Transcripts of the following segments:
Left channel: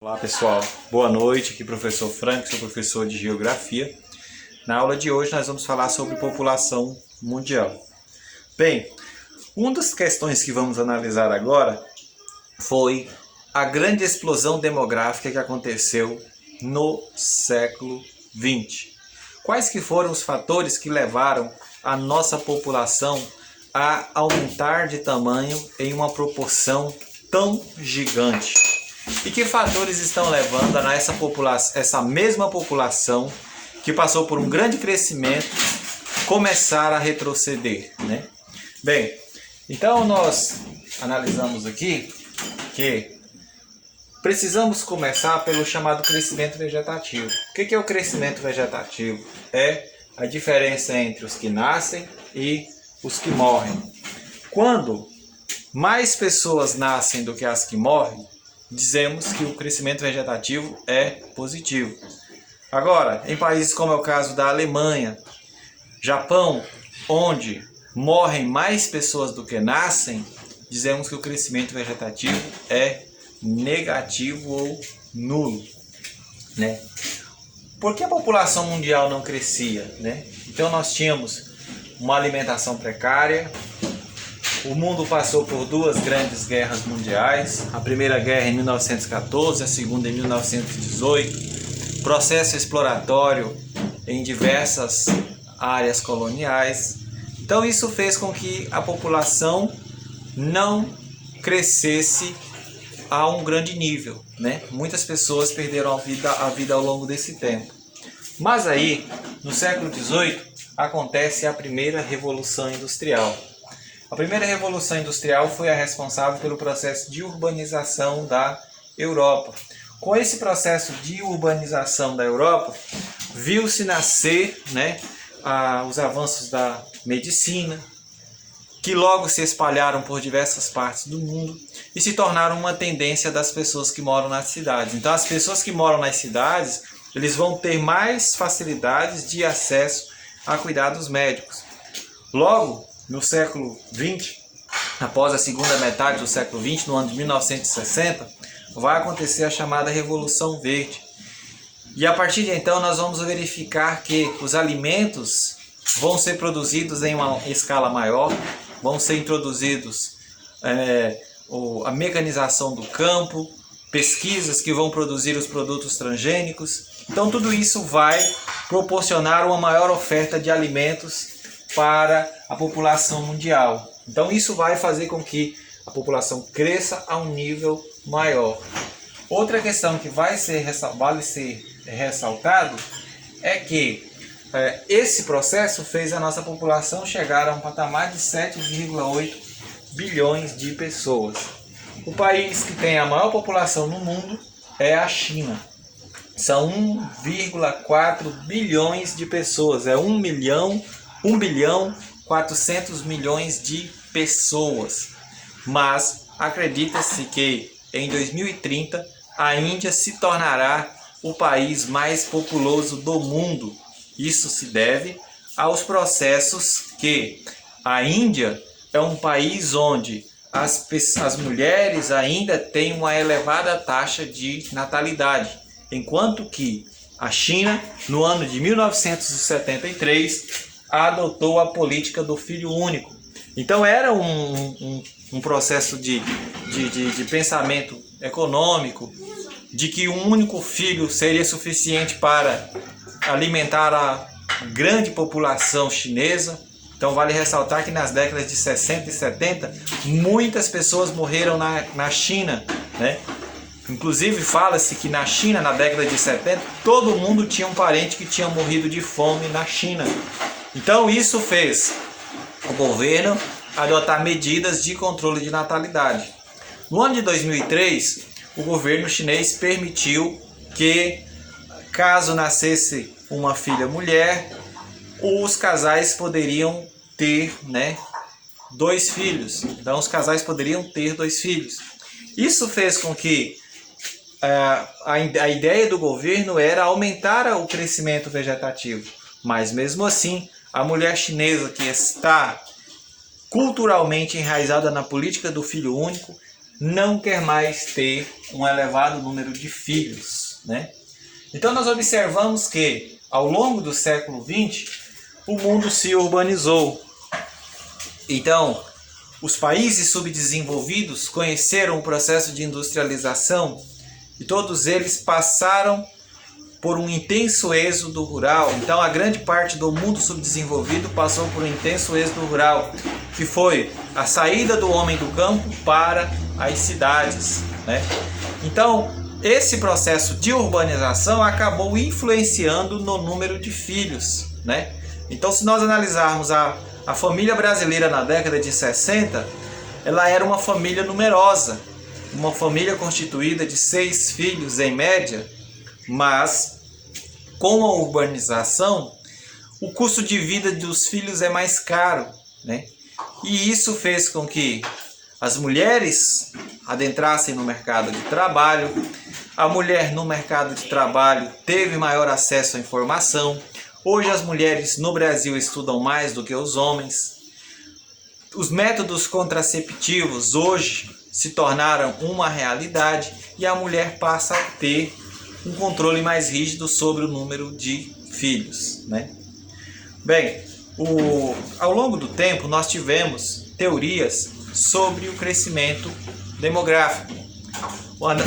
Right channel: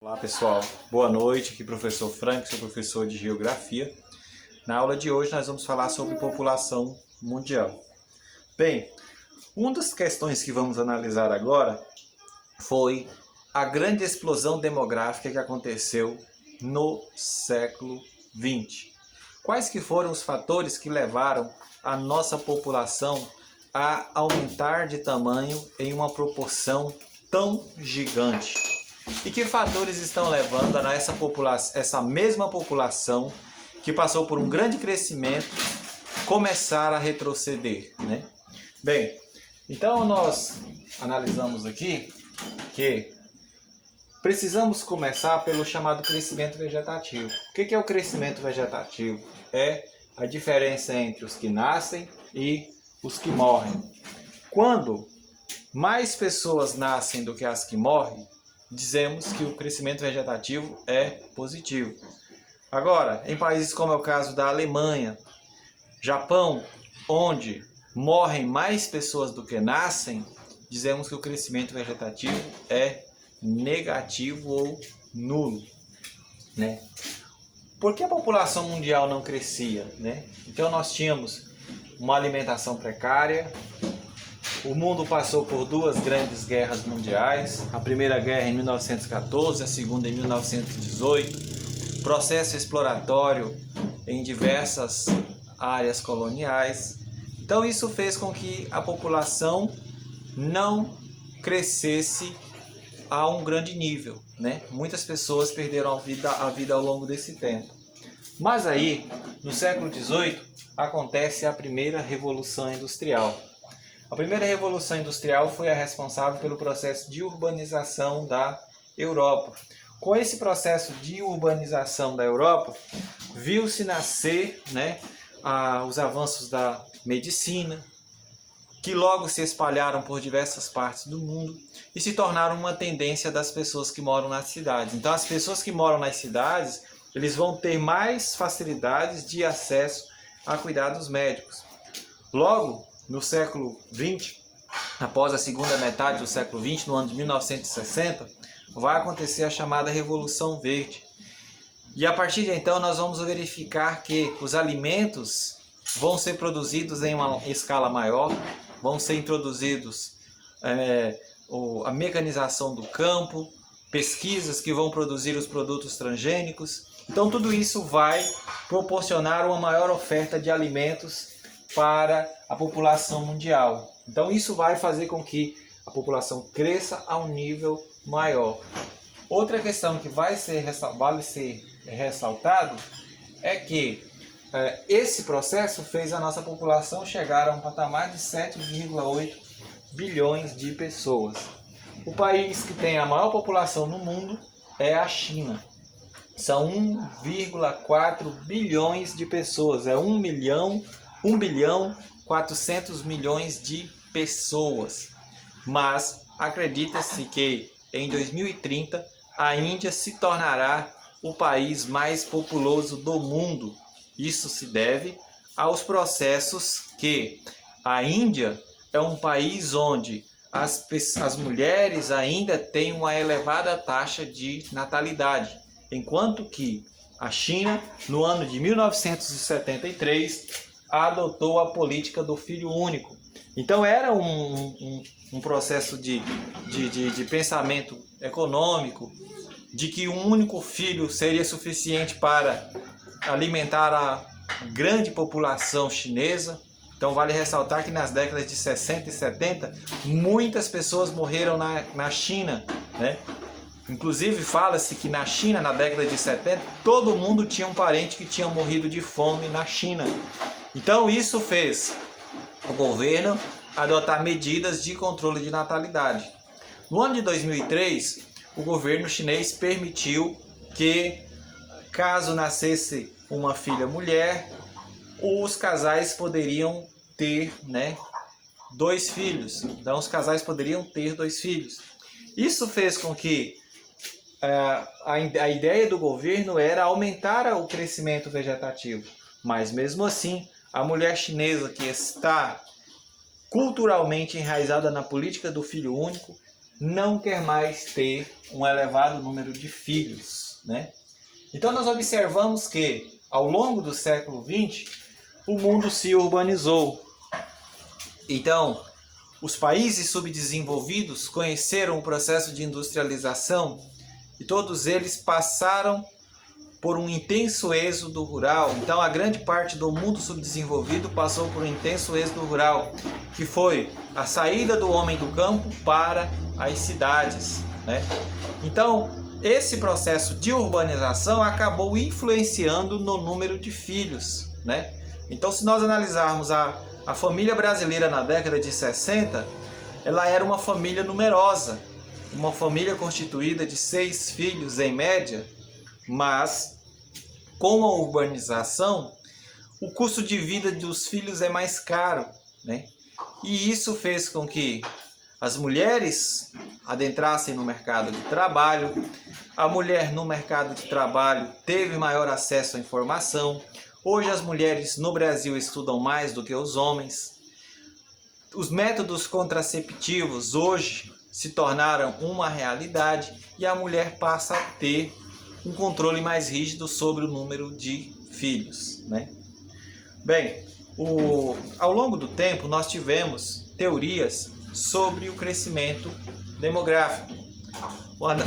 Olá pessoal, boa noite, aqui professor Frank, sou professor de Geografia. Na aula de hoje nós vamos falar sobre população mundial. Bem, uma das questões que vamos analisar agora foi a grande explosão demográfica que aconteceu no século XX. Quais que foram os fatores que levaram a nossa população a aumentar de tamanho em uma proporção tão gigante? E que fatores estão levando a essa mesma população que passou por um grande crescimento começar a retroceder, né? Bem, então nós analisamos aqui que precisamos começar pelo chamado crescimento vegetativo. O que é o crescimento vegetativo? É a diferença entre os que nascem e os que morrem. Quando mais pessoas nascem do que as que morrem, dizemos que o crescimento vegetativo é positivo. Agora, em países como é o caso da Alemanha, Japão, onde morrem mais pessoas do que nascem, dizemos que o crescimento vegetativo é negativo ou nulo, né? Por que a população mundial não crescia, né? Então nós tínhamos uma alimentação precária. O mundo passou por duas grandes guerras mundiais, a primeira guerra em 1914, a segunda em 1918, processo exploratório em diversas áreas coloniais. Então isso fez com que a população não crescesse a um grande nível, né? Muitas pessoas perderam a vida ao longo desse tempo. Mas aí, no século XVIII, acontece a primeira Revolução Industrial. A primeira Revolução Industrial foi a responsável pelo processo de urbanização da Europa. Com esse processo de urbanização da Europa, viu-se nascer, né, os avanços da medicina, que logo se espalharam por diversas partes do mundo e se tornaram uma tendência das pessoas que moram nas cidades. Então, as pessoas que moram nas cidades, eles vão ter mais facilidades de acesso a cuidados médicos. Logo, no século XX, após a segunda metade do século XX, no ano de 1960, vai acontecer a chamada Revolução Verde. E a partir de então nós vamos verificar que os alimentos vão ser produzidos em uma escala maior, vão ser introduzidos a mecanização do campo, pesquisas que vão produzir os produtos transgênicos. Então tudo isso vai proporcionar uma maior oferta de alimentos para a população mundial. Então isso vai fazer com que a população cresça a um nível maior. Outra questão que vale ser ressaltado é que esse processo fez a nossa população chegar a um patamar de 7,8 bilhões de pessoas. O país que tem a maior população no mundo é a China. São 1,4 bilhões de pessoas, é 1 bilhão 400 milhões de pessoas. Mas acredita-se que em 2030 a Índia se tornará o país mais populoso do mundo. Isso se deve aos processos que a Índia é um país onde as mulheres ainda têm uma elevada taxa de natalidade, enquanto que a China, no ano de 1973, adotou a política do filho único. Então era um processo de pensamento econômico, de que um único filho seria suficiente para alimentar a grande população chinesa. Então vale ressaltar que nas décadas de 60 e 70, muitas pessoas morreram na China, né? Inclusive fala-se que na China, na década de 70, todo mundo tinha um parente que tinha morrido de fome na China. Então isso fez o governo adotar medidas de controle de natalidade. No ano de 2003, o governo chinês permitiu que, caso nascesse uma filha mulher, os casais poderiam ter, né, 2 filhos. Então os casais poderiam ter 2 filhos. Isso fez com que a ideia do governo era aumentar o crescimento vegetativo. Mas mesmo assim, a mulher chinesa, que está culturalmente enraizada na política do filho único, não quer mais ter um elevado número de filhos, né? Então nós observamos que ao longo do século XX o mundo se urbanizou. Então os países subdesenvolvidos conheceram o processo de industrialização e todos eles passaram por um intenso êxodo rural. Então a grande parte do mundo subdesenvolvido passou por um intenso êxodo rural, que foi a saída do homem do campo para as cidades, né? Então esse processo de urbanização acabou influenciando no número de filhos, né? Então se nós analisarmos a família brasileira na década de 60, ela era uma família numerosa, uma família constituída de 6 filhos em média, mas com a urbanização o custo de vida dos filhos é mais caro, né? E isso fez com que as mulheres adentrassem no mercado de trabalho. A mulher no mercado de trabalho teve maior acesso à informação. Hoje as mulheres no Brasil estudam mais do que os homens. Os métodos contraceptivos hoje se tornaram uma realidade e a mulher passa a ter um controle mais rígido sobre o número de filhos, né? Bem, ao longo do tempo nós tivemos teorias sobre o crescimento demográfico.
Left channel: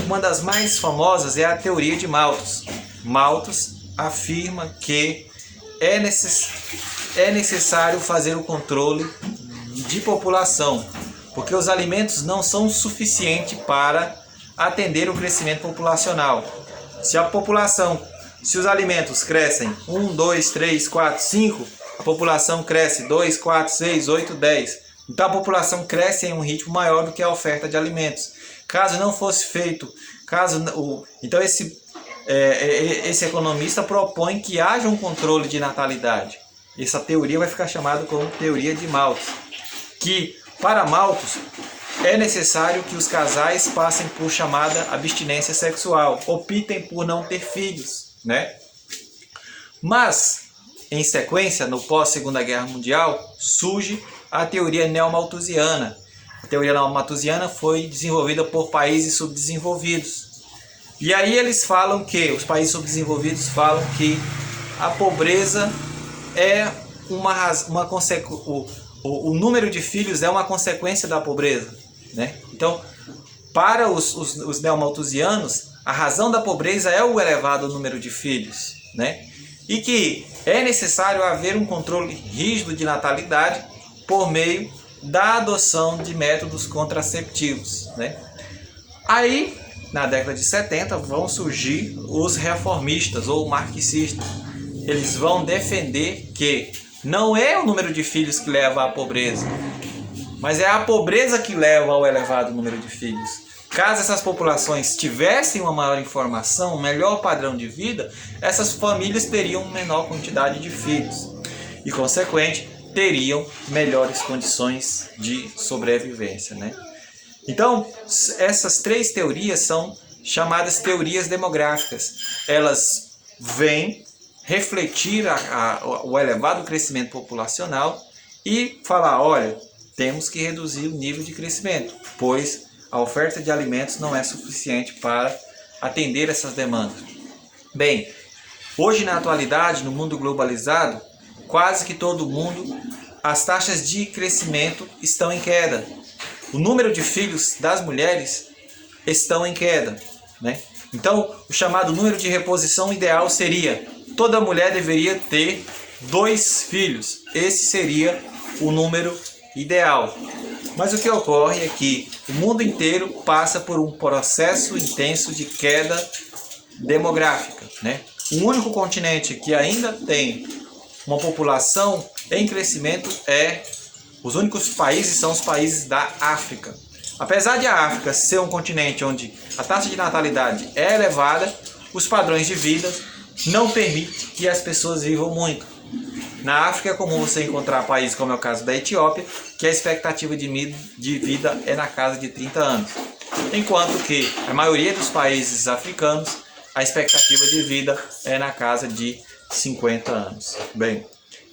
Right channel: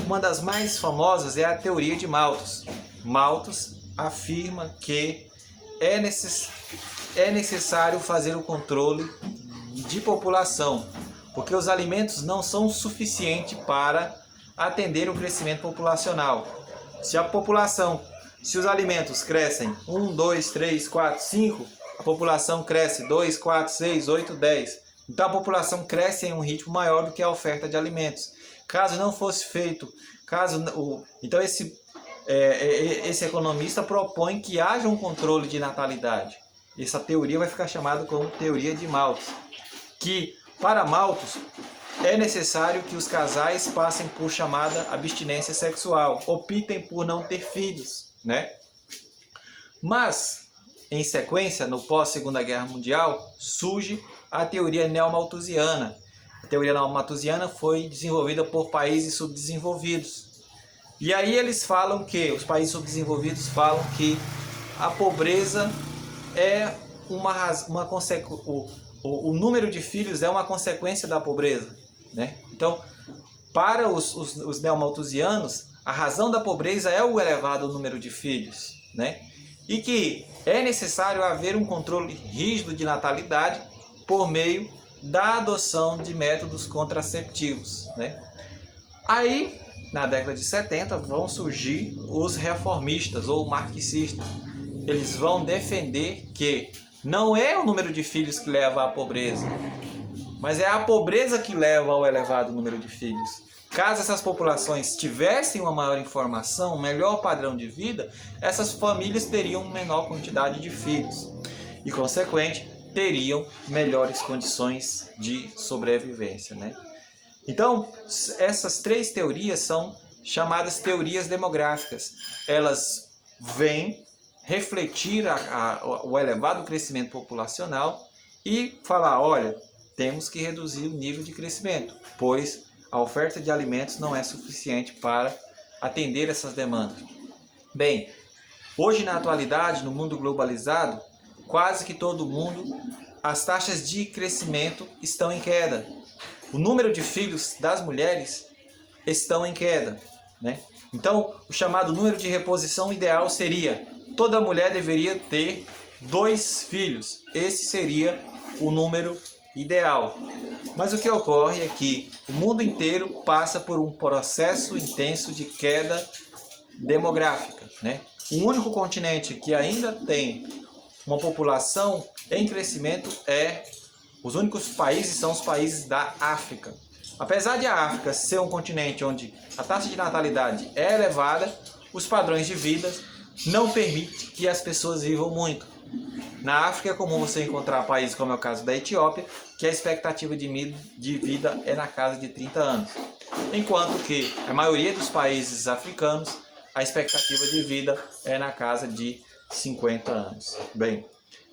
Uma das mais famosas é a teoria de Malthus. Malthus afirma que é necessário fazer o controle de população, porque os alimentos não são suficientes para atender o crescimento populacional. Se os alimentos crescem 1, 2, 3, 4, 5, a população cresce 2, 4, 6, 8, 10. Então a população cresce em um ritmo maior do que a oferta de alimentos. Caso não fosse feito, então esse economista propõe que haja um controle de natalidade. Essa teoria vai ficar chamada como teoria de Malthus, que para Malthus é necessário que os casais passem por chamada abstinência sexual, optem por não ter filhos, né? Mas, em sequência, no pós-Segunda Guerra Mundial, surge a teoria neomalthusiana. A teoria neomalthusiana foi desenvolvida por países subdesenvolvidos. E aí eles falam que, os países subdesenvolvidos falam que a pobreza é uma consequência, o número de filhos é uma consequência da pobreza, né? Então, para os neomalthusianos, a razão da pobreza é o elevado número de filhos, né? E que é necessário haver um controle rígido de natalidade por meio da adoção de métodos contraceptivos, né? Aí, na década de 70, vão surgir os reformistas ou marxistas. Eles vão defender que não é o número de filhos que leva à pobreza, mas é a pobreza que leva ao elevado número de filhos. Caso essas populações tivessem uma maior informação, um melhor padrão de vida, essas famílias teriam menor quantidade de filhos e, consequente, teriam melhores condições de sobrevivência, né? Então, essas 3 teorias são chamadas teorias demográficas. Elas vêm refletir o elevado crescimento populacional e falar, olha, temos que reduzir o nível de crescimento, pois a oferta de alimentos não é suficiente para atender essas demandas. Bem, hoje na atualidade, no mundo globalizado, quase que todo mundo, as taxas de crescimento estão em queda. O número de filhos das mulheres estão em queda, né? Então, o chamado número de reposição ideal seria: toda mulher deveria ter 2 filhos. Esse seria o número ideal. Mas o que ocorre é que o mundo inteiro passa por um processo intenso de queda demográfica, né? O único continente que ainda tem uma população em crescimento os únicos países são os países da África. Apesar de a África ser um continente onde a taxa de natalidade é elevada, os padrões de vida não permitem que as pessoas vivam muito. Na África é comum você encontrar países como é o caso da Etiópia, que a expectativa de vida é na casa de 30 anos. Enquanto que a maioria dos países africanos, a expectativa de vida é na casa de 50 anos. Bem,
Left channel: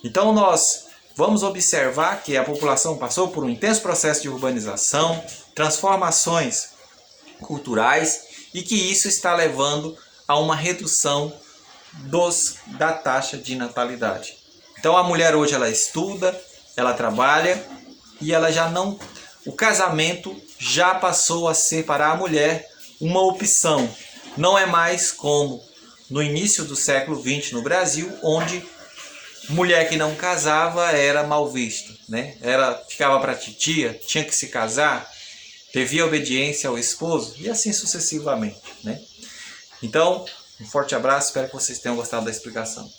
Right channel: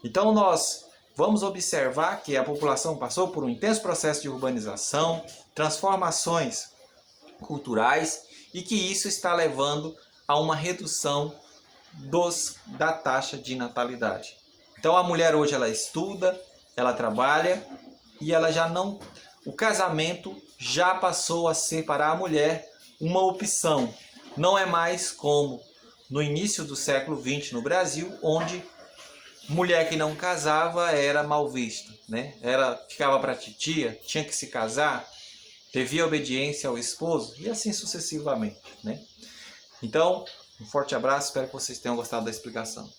então nós vamos observar que a população passou por um intenso processo de urbanização, transformações culturais e que isso está levando a uma redução da taxa de natalidade. Então a mulher hoje ela estuda, ela trabalha e ela já não... O casamento já passou a ser para a mulher uma opção. Não é mais como no início do século XX no Brasil, onde mulher que não casava era mal vista, né? Ficava para titia, tinha que se casar, devia obediência ao esposo e assim sucessivamente, né? Então, um forte abraço, espero que vocês tenham gostado da explicação.